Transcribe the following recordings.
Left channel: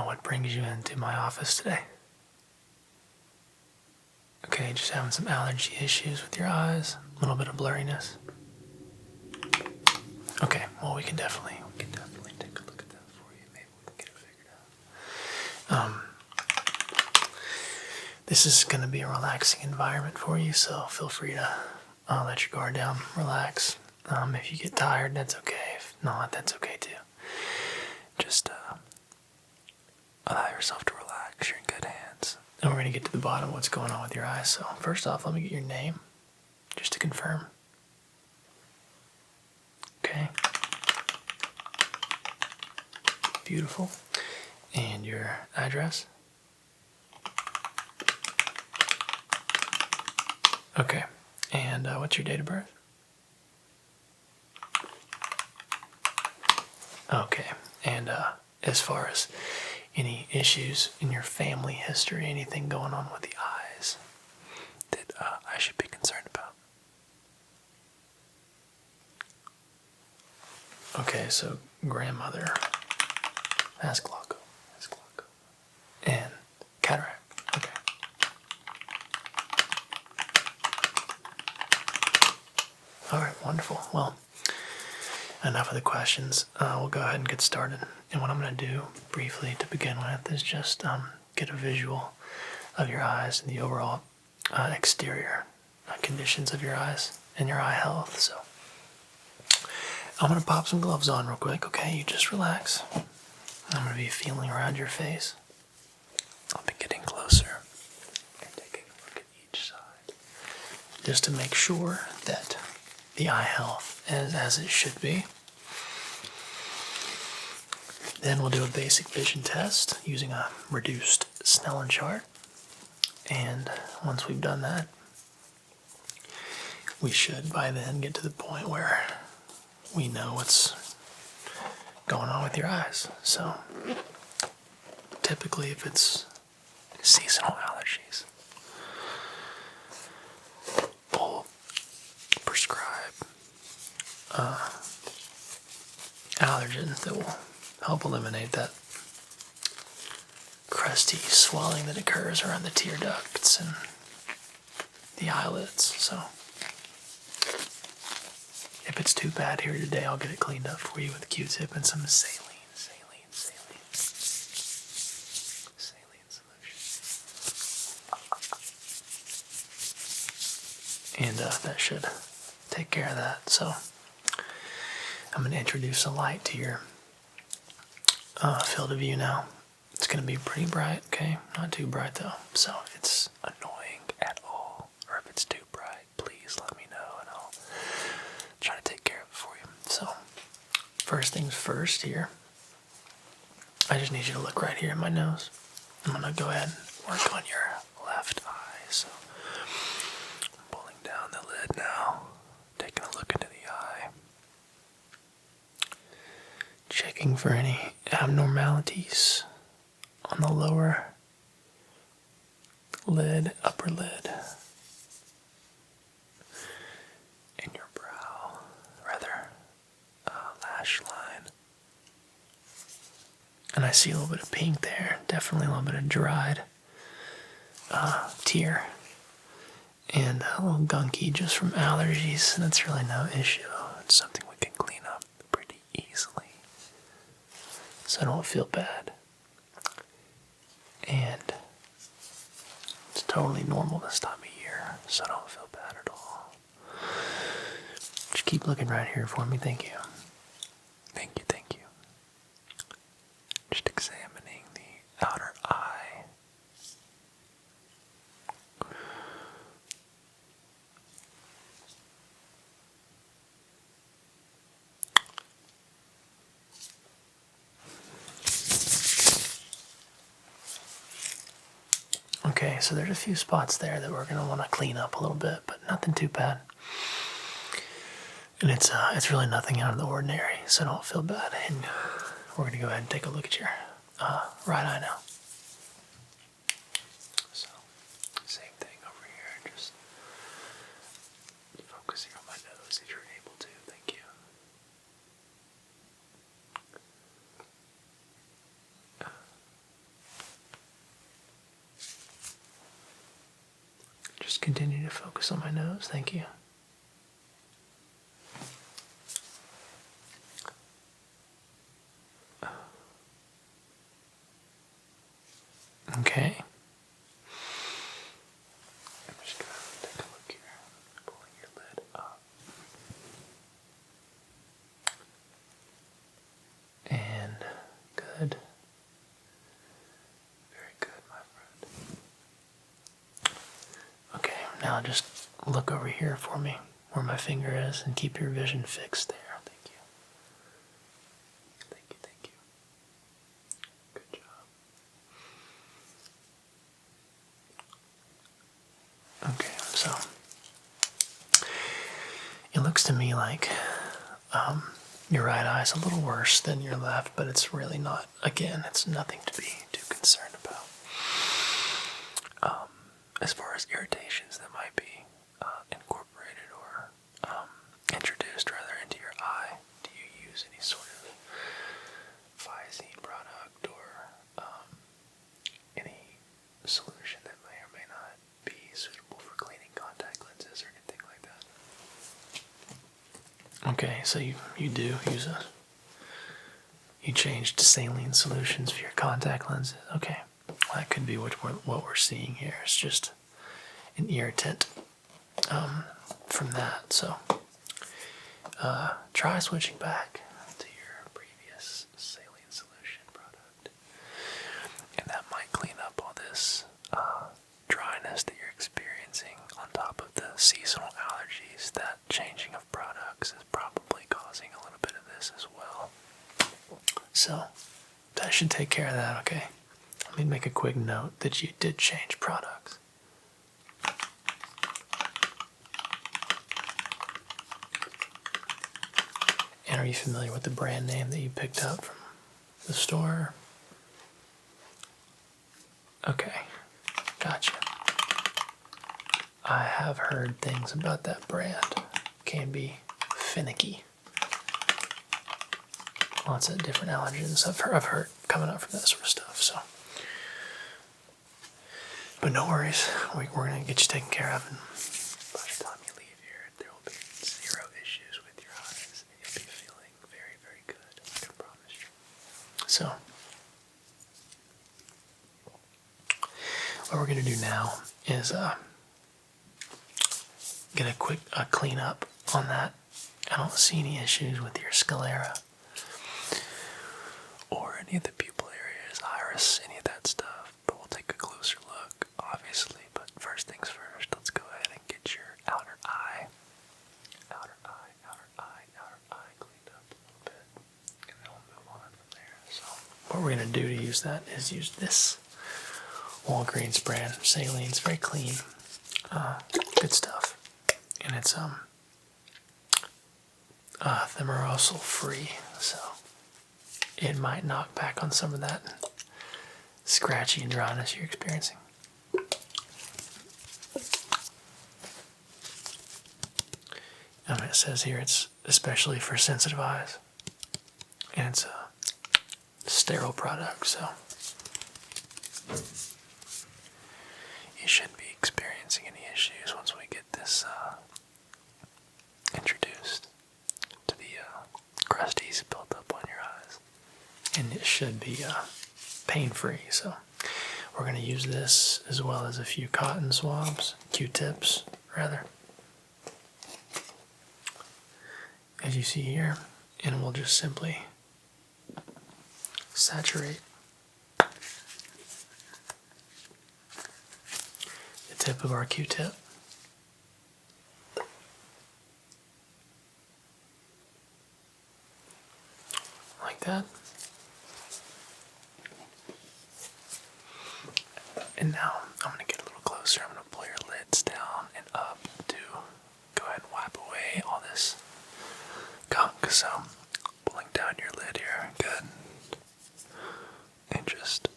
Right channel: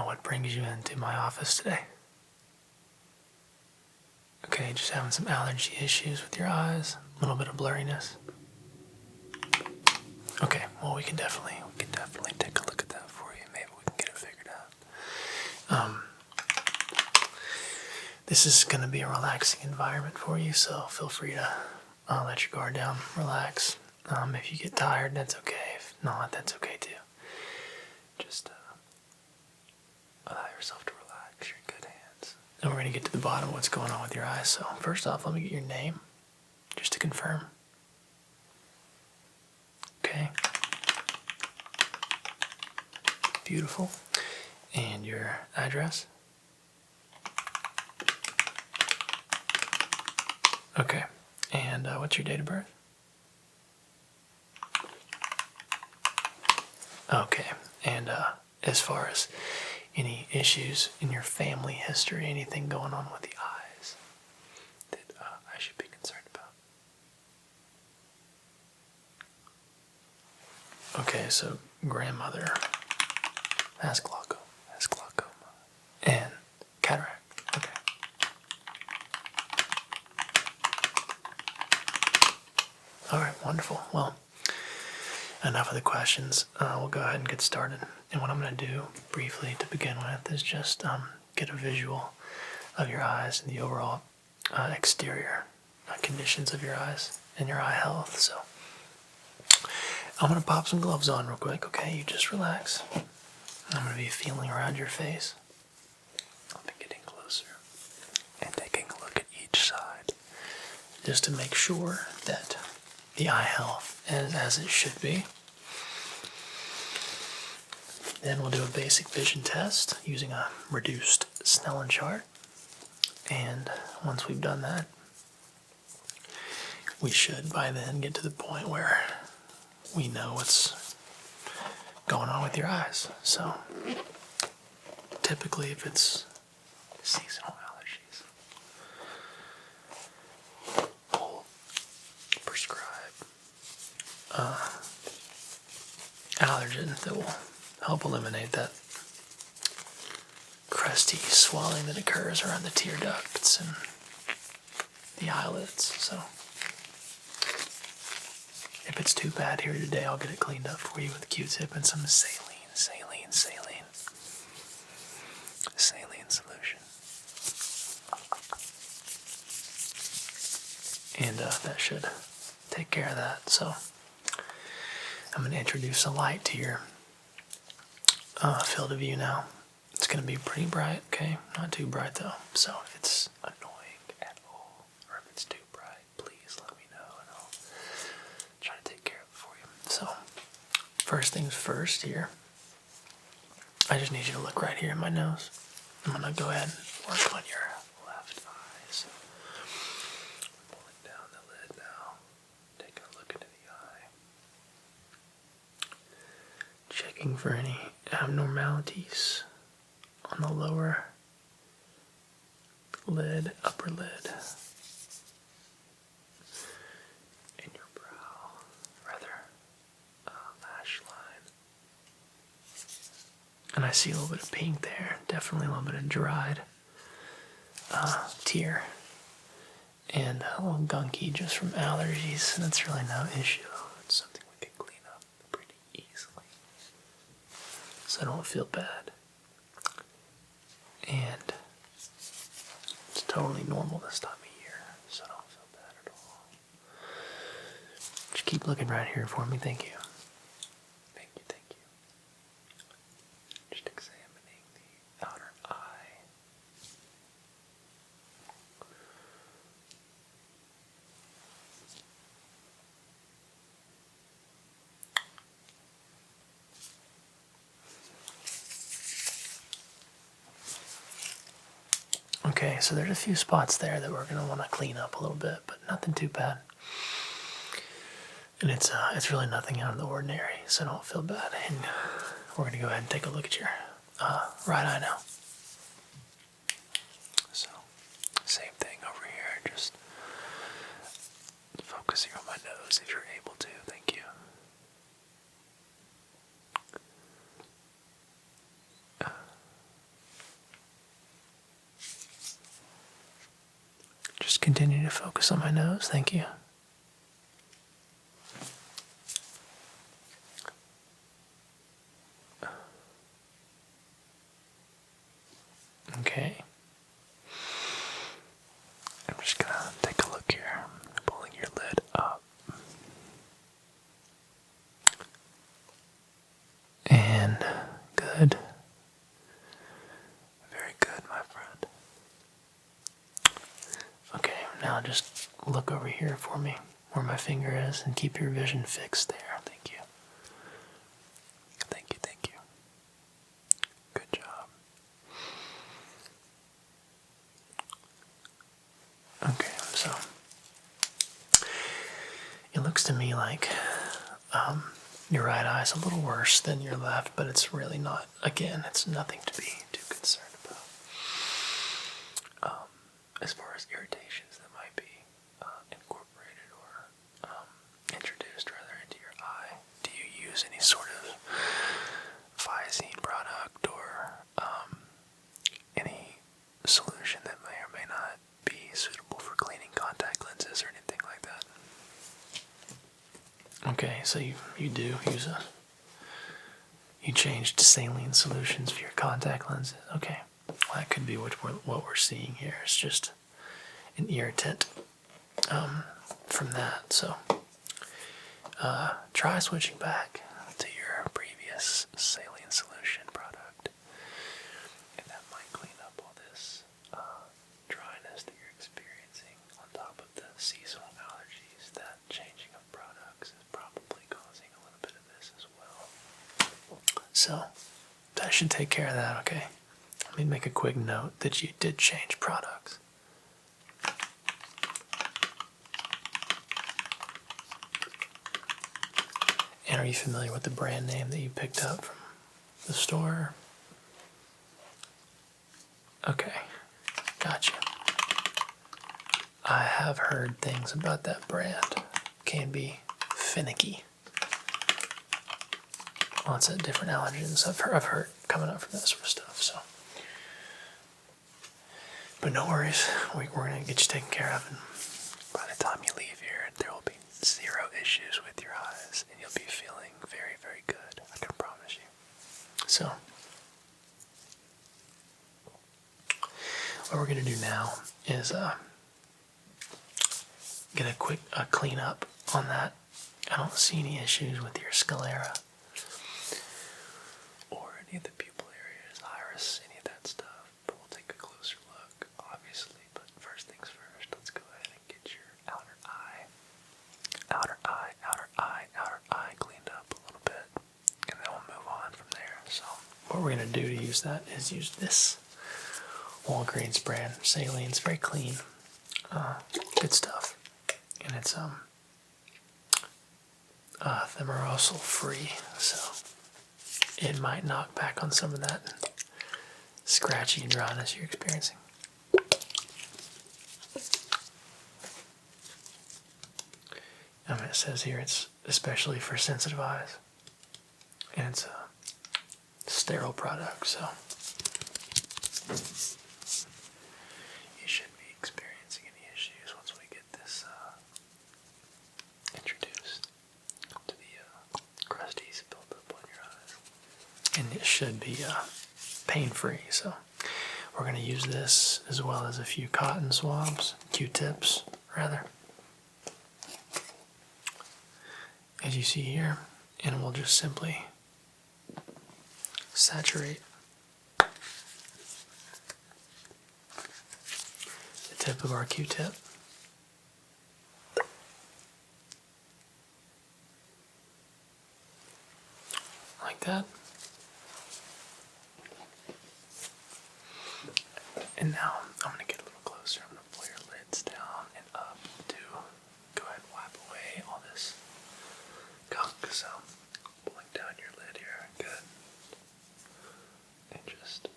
what brings you into my office today? Okay, just having some allergy issues with your eyes, a little bit of blurriness. Okay, well we can definitely take a look at that for you. Maybe we can get it figured out. This is going to be a relaxing environment for you, so feel free to let your guard down, relax. If you get tired, that's okay. If not, that's okay too. Just allow yourself to relax. You're in good hands. And we're going to get to the bottom of what's going on with your eyes. So first off, let me get your name, just to confirm. Okay. Beautiful. And your address? Okay. And what's your date of birth? Okay. And as far as any issues in your family history, anything going on with the eyes that I should be concerned about? Okay, so grandmother has glaucoma, and cataract. Okay. All right, wonderful. Well, enough of the questions. We'll go ahead and get started. And what I'm going to do briefly to begin with is just get a visual of your eyes and the overall exterior conditions of your eyes and your eye health. So I'm going to pop some gloves on real quick, okay? You just relax. I'm going to be feeling around your face. I'll be getting closer and taking a look at each side just to make sure that the eye health is as it should be. Then we'll do a basic vision test using a reduced Snellen chart. And once we've done that, we should by then get to the point where we know what's going on with your eyes. So typically if it's seasonal allergies, we'll prescribe allergens that will help eliminate that crusty swelling that occurs around the tear ducts and the eyelids. So if it's too bad here today, I'll get it cleaned up for you with a Q-tip and some saline solution. And that should take care of that. So I'm going to introduce a light to your field of view now. It's going to be pretty bright, okay? Not too bright though. So if it's annoying at all, or if it's too bright, please let me know and I'll try to take care of it for you. So first things first here, I just need you to look right here in my nose. I'm going to go ahead and work on your left eye. So pulling down the lid now, taking a look into the eye. Checking for any abnormalities on the lower lid, upper lid, in your brow, lash line. And I see a little bit of pink there, definitely a little bit of dried tear, and a little gunky just from allergies. That's really no issue. It's something we can clean up pretty easily, so don't feel bad. And it's totally normal this time of year, so don't feel bad at all. Just keep looking right here for me. Thank you. Thank you. Just examining the outer eye. Okay, so there's a few spots there that we're going to want to clean up a little bit, but nothing too bad. And it's really nothing out of the ordinary, so don't feel bad. And we're going to go ahead and take a look at your right eye now. So, same thing over here, just focusing on my nose if you're able to. Thank you. continue to focus on my nose. Thank you. Okay. I'm just gonna take a look here. Pulling your lid up. And good. Very good, my friend. Okay, now just look over here for me, where my finger is, and keep your vision fixed there. Thank you. Thank you, thank you. Good job. Okay, so it looks to me like your right eye is a little worse than your left, but it's really not. Again, it's nothing to be too concerned about. As far as irritations that might be incorporated or introduced rather into your eye, do you use any sort of Visine product or any solution that may or may not be suitable for cleaning contact lenses or anything like that? Okay, so you do use you changed to saline solutions for your contact lenses. Okay, well, that could be what we're seeing here. It's just an irritant from that. So try switching back to your previous saline solution product, and that might clean up all this dryness that you're experiencing on top of the seasonal allergies. That changing of products is probably causing a little bit of this as well. So that should take care of that, okay? Let me make a quick note that you did change products. And are you familiar with the brand name that you picked up from the store? Okay, gotcha. I have heard things about that brand. Can be finicky. Lots of different allergens I've heard coming up from that sort of stuff. So, but no worries, we're gonna get you taken care of, and by the time you leave here, there will be zero issues with your eyes, and you'll be feeling very, very good. I can promise you. So, what we're gonna do now is get a quick clean up on that. I don't see any issues with your sclera or any of the pupil areas, iris, any of that stuff, but we'll take a closer look, obviously. But first things first, let's go ahead and get your outer eye cleaned up a little bit, and then we'll move on from there. So what we're going to do to use that is use this Walgreens brand saline. It's very clean, good stuff, and it's thimerosal free, so it might knock back on some of that scratchy and dryness you're experiencing. It says here it's especially for sensitive eyes, and it's a sterile product, so you shouldn't be experiencing any issues once we get this introduced to the crusties built up on your eyes. And it should be pain-free, so we're going to use this as well as a few cotton swabs, Q-tips rather, as you see here, and we'll just simply saturate the tip of our Q-tip like that. And now I'm going to get a little closer. I'm going to pull your lids down and up to go ahead and wipe away all this gunk. So pulling down your lid here, good. And just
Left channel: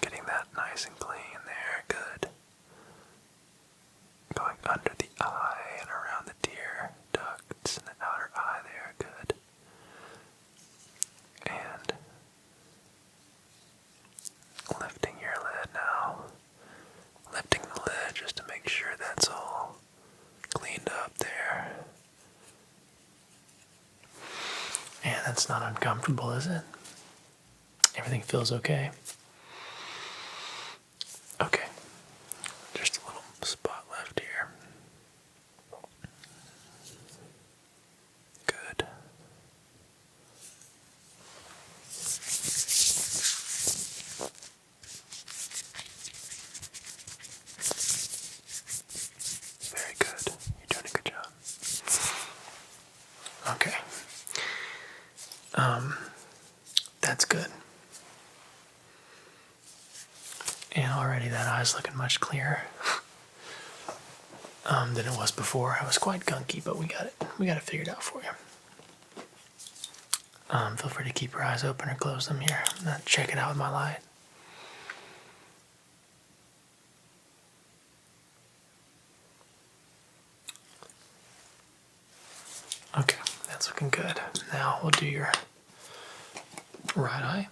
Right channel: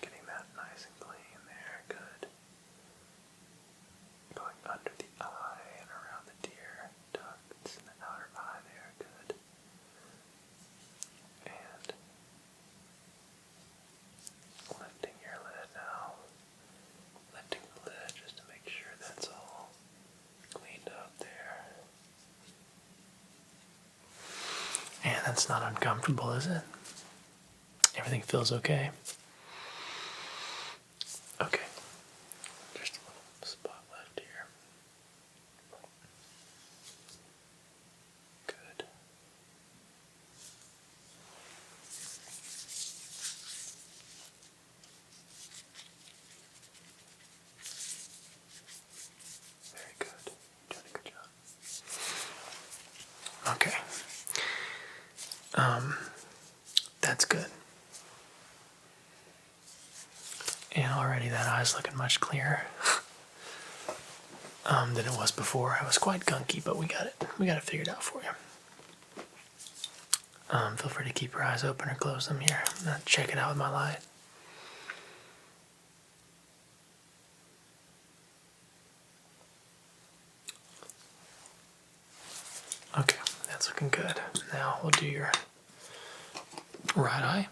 getting that nice and clean there, good. Going under the eye and around the tear ducts in the outer eye there, good. And lifting your lid now That's not uncomfortable, is it? Everything feels okay? Okay. Just a little spot left here. Good. Very good. You're doing a good job. Okay. That's good. And already that eye's looking much clearer than it was before. It was quite gunky, but we got it. We got it figured out for you. Feel free to keep your eyes open or close them here. I'm gonna check it out with my light. Okay, that's looking good. Now we'll do your right eye.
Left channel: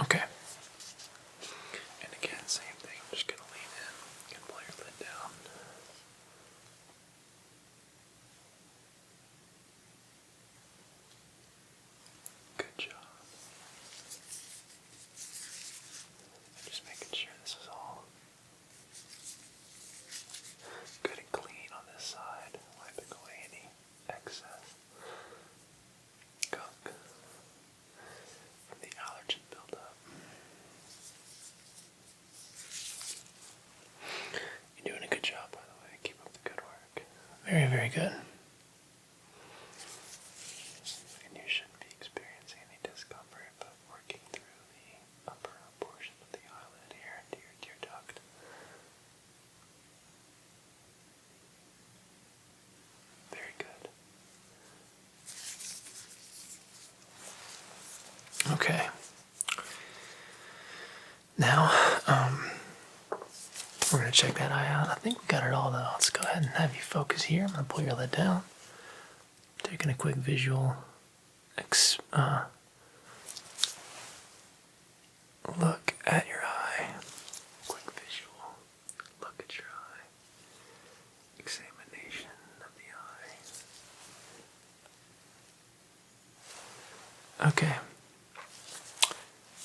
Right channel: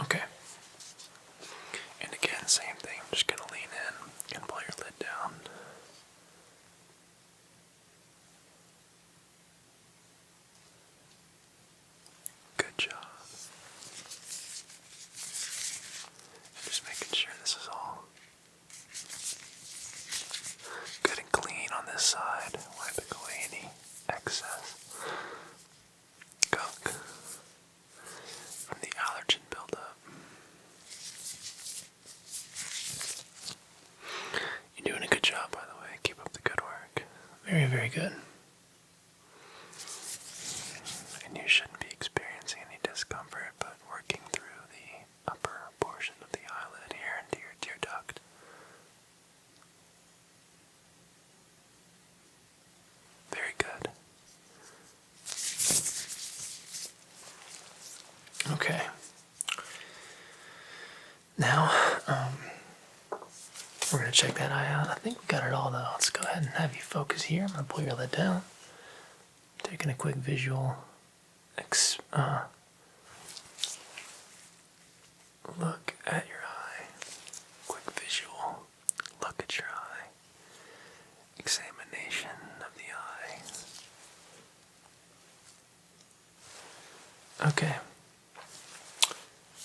Okay. And again, same thing. Just gonna lean in and pull your lid down. Good job. Just making sure this is all good and clean on this side, wiping away any excess gunk from the allergen buildup. You're doing a good job, by the way. Keep up the good work. Very, very good. And you shouldn't be experiencing any discomfort, but working through the upper portion of the eyelid here into your tear duct. Very good. Okay. Now, we're going to check that eye out. I think we got it all, though. Let's go ahead and have you focus here. I'm going to pull your lid down. Taking a quick visual look at your eye. Quick visual look at your eye. Examination of the eye. Okay.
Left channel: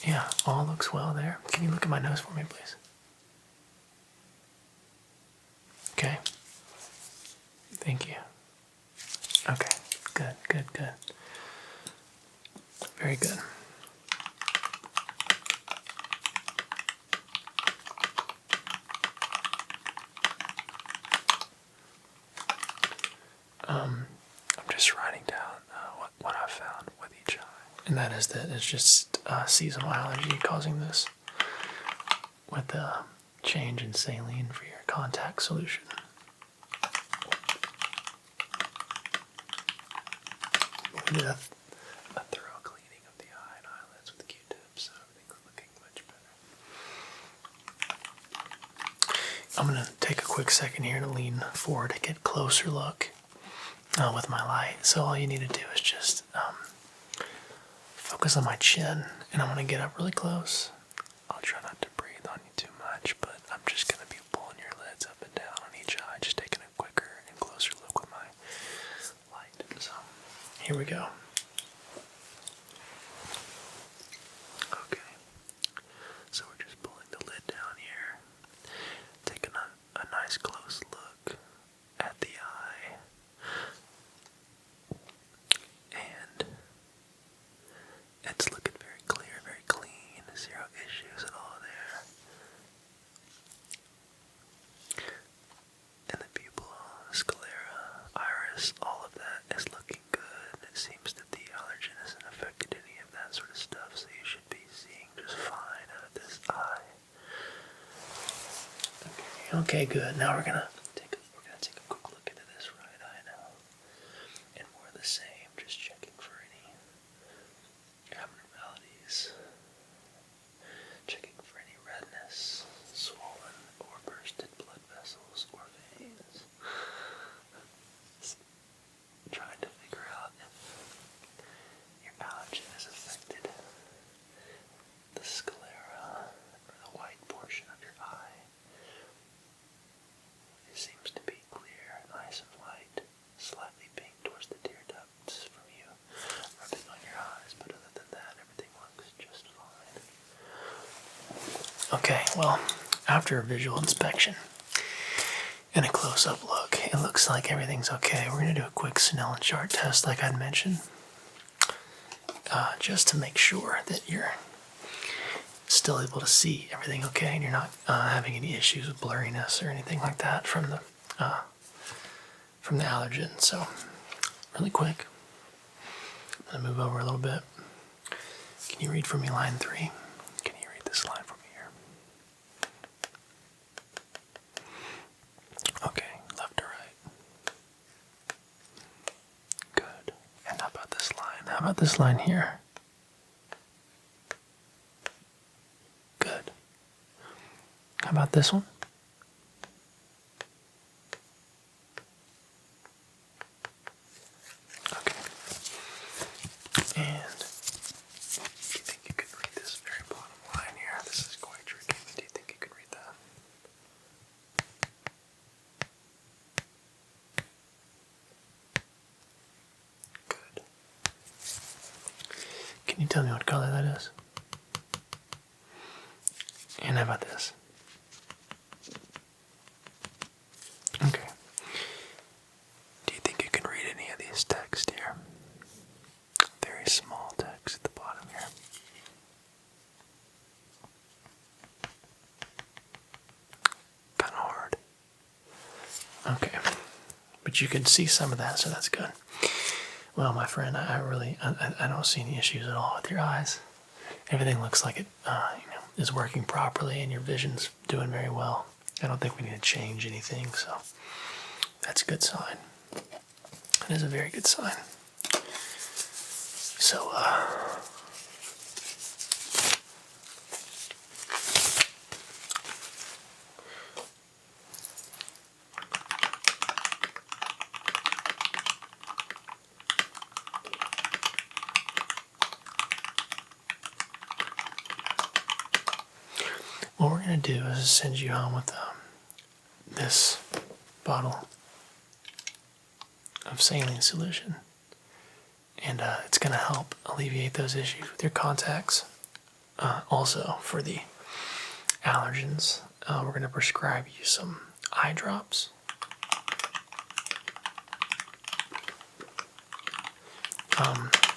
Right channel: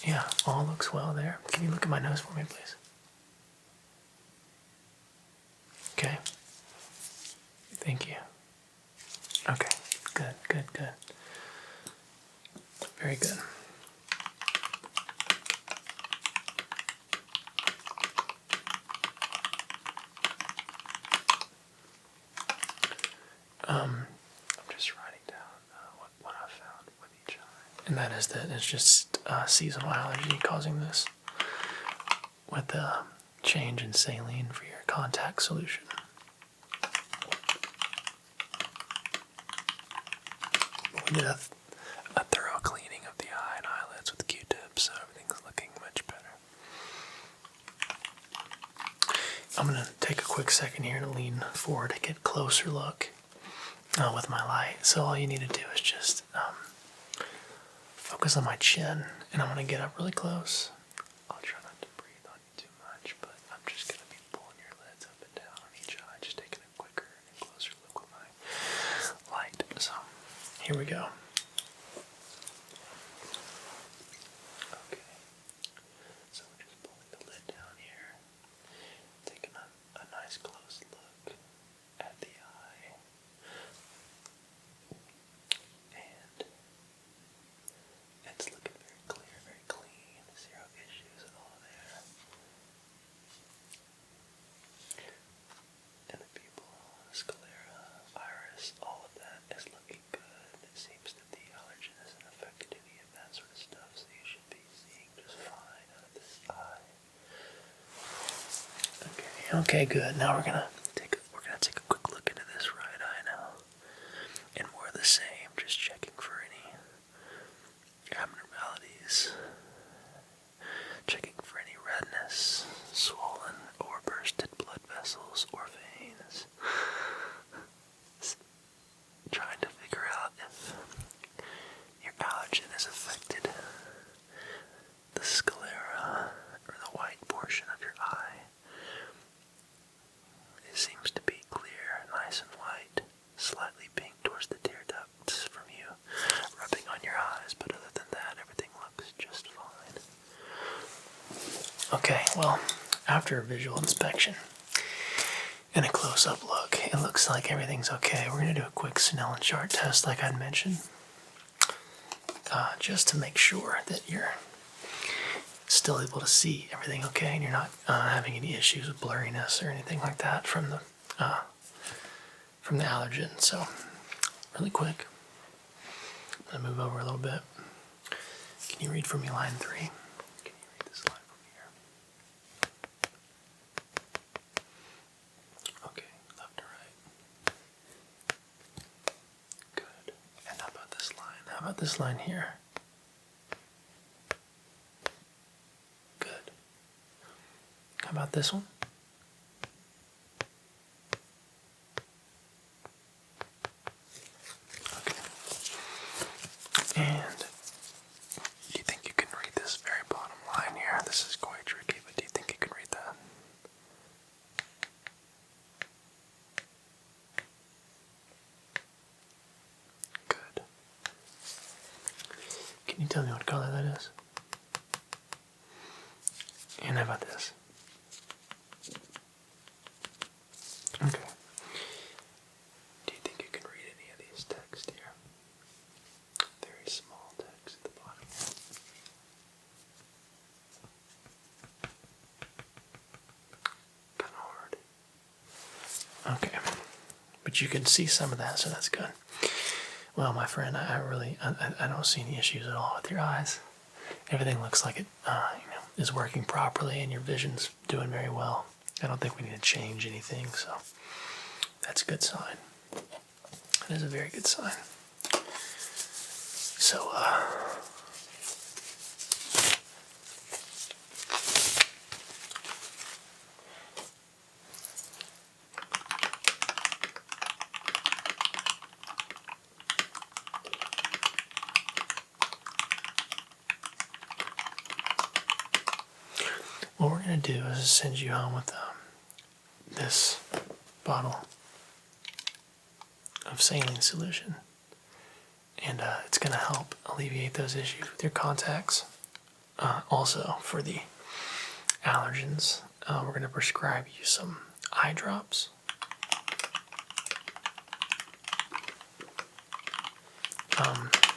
Yeah, all looks well there. Can you look at my nose for me, please? Okay. Thank you. Okay. Good, good, good. Very good. I'm just writing down what I found with each eye. And that is that it's just seasonal allergy causing this with the change in saline for your contact solution. We did a thorough cleaning of the eye and eyelids with Q-tips, so everything's looking much better. I'm going to take a quick second here to lean forward to get a closer look with my light. So all you need to do is just focus on my chin, and I'm going to get up really close. I'll try not to breathe on you too much, but I'm just going to be pulling your lids up and down on each eye, just taking a quicker and closer look with my light. So here we go. Okay. So we're just pulling the lid down here, taking a nice close look at the eye. And it's looking very clear, very clean, zero issues at all there. And the pupil, sclera, iris, all of that is looking good. It seems that the allergen hasn't affected any of that sort of stuff, so you should be seeing just fine out of this eye. Okay, good. Now we're gonna take a quick look into this right eye now. And more of the same, just checking for any abnormalities weakness, swollen or bursted blood vessels or veins. Trying to figure out if your allergen has affected the sclera or the white portion of your eye. It seems to be clear, nice and white, slightly pink towards the tear ducts from you rubbing on your eyes, but other than that, everything looks just fine. Okay, well, after a visual inspection and a close-up look, it looks like everything's okay. We're going to do a quick Snellen chart test like I'd mentioned, just to make sure that you're still able to see everything okay and you're not having any issues with blurriness or anything like that from the allergen. So, really quick, I'm going to move over a little bit. Can you read for me line 3? Can you read this line for me here? Okay, left to right. Good. And how about this line? How about this line here? Good. How about this one? Okay. And do you think you can read this very bottom line here? This is quite tricky, but do you think you can read that? Good. Can you tell me what color that is? And how about this? Okay. Do you think you can read any of these text here? Very small text at the bottom here. Kind of hard. Okay. But you can see some of that, so that's good. Well, my friend, I don't see any issues at all with your eyes. Everything looks like it, is working properly, and your vision's doing very well. I don't think we need to change anything, so that's a good sign. It is a very good sign. So, what we're going to do is send you home with this bottle of saline solution. And it's going to help alleviate those issues with your contacts. Also, for the allergens, we're going to prescribe you some eye drops.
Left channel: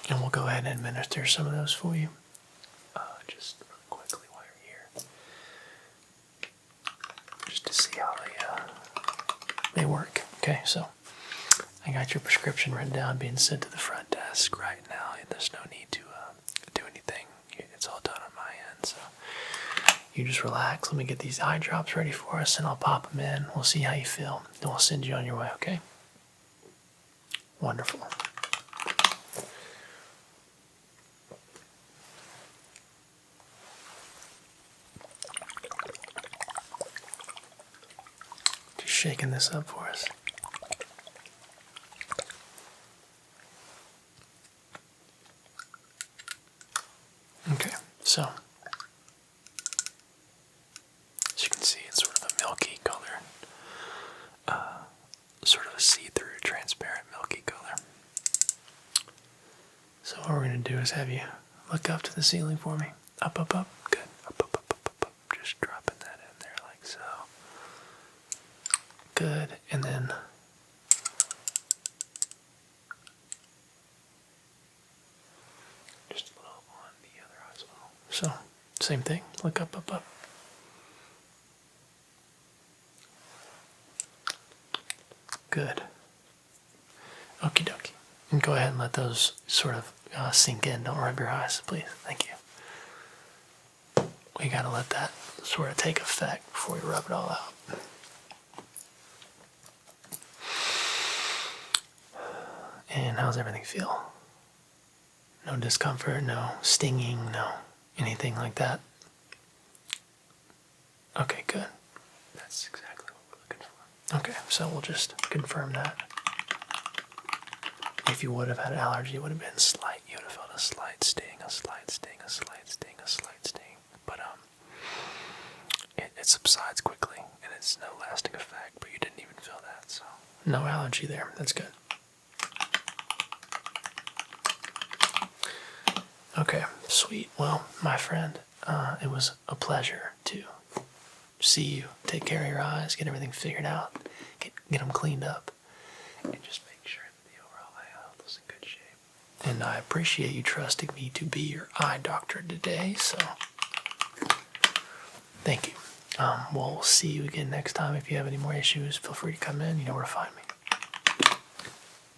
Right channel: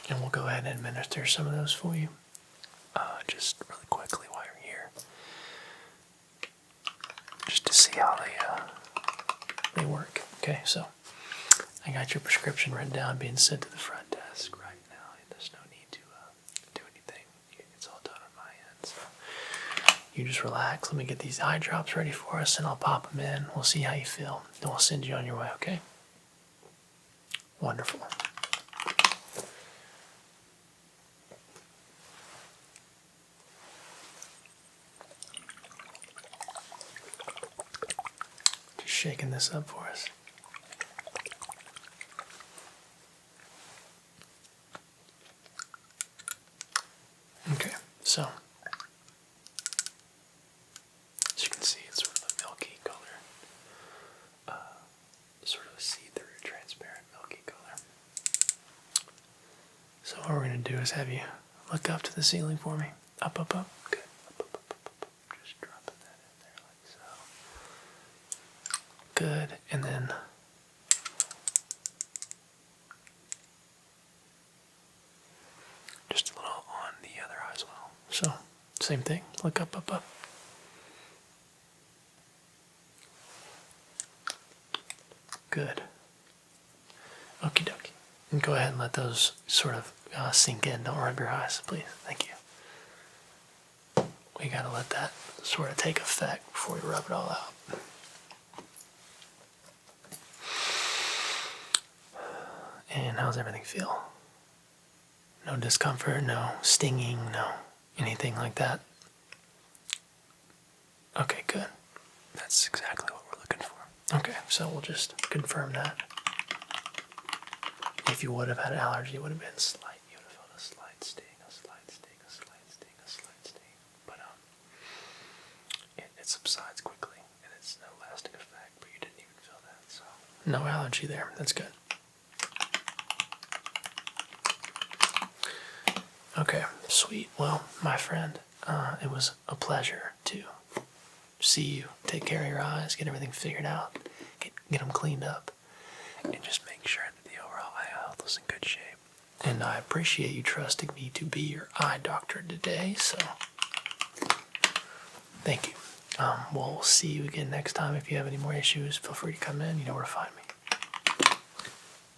And we'll go ahead and administer some of those for you. Just really quickly while you're here. Just to see how they work. Okay, so I got your prescription written down, being sent to the front desk right now. There's no need to do anything. It's all done on my end. So you just relax. Let me get these eye drops ready for us, and I'll pop them in. We'll see how you feel, and we'll send you on your way. Okay? Wonderful. Just shaking this up for us. Okay, so as you can see, it's sort of a milky color, sort of a see-through, transparent, milky color. So what we're going to do is have you look up to the ceiling for me. Up, up, up. Good. Up, up, up, up, up, up. Just dropping that in there like so. Good. And then just a little on the other eye as well. So, same thing. Look up, up, up. Good. Okie dokie. And go ahead and let those sort of sink in. Don't rub your eyes, please. Thank you. We gotta let that sort of take effect before we rub it all out. And how's everything feel? No discomfort, no stinging, no anything like that? Okay, good. That's exactly what we're looking for. Okay, so we'll just confirm that. If you would have had an allergy, it would have been slight. You would have felt a slight sting, a slight sting, a slight sting, a slight sting. But it subsides quickly, and it's no lasting effect, but you didn't even feel that, so. No allergy there. That's good. Okay, sweet. Well, my friend, it was a pleasure to see you take care of your eyes, get everything figured out, get them cleaned up. And just make sure that the overall eye health is in good shape. And I appreciate you trusting me to be your eye doctor today, so thank you. We'll see you again next time. If you have any more issues, feel free to come in. You know where to find me.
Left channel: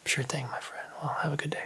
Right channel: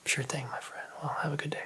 Sure thing, my friend. Well, have a good day.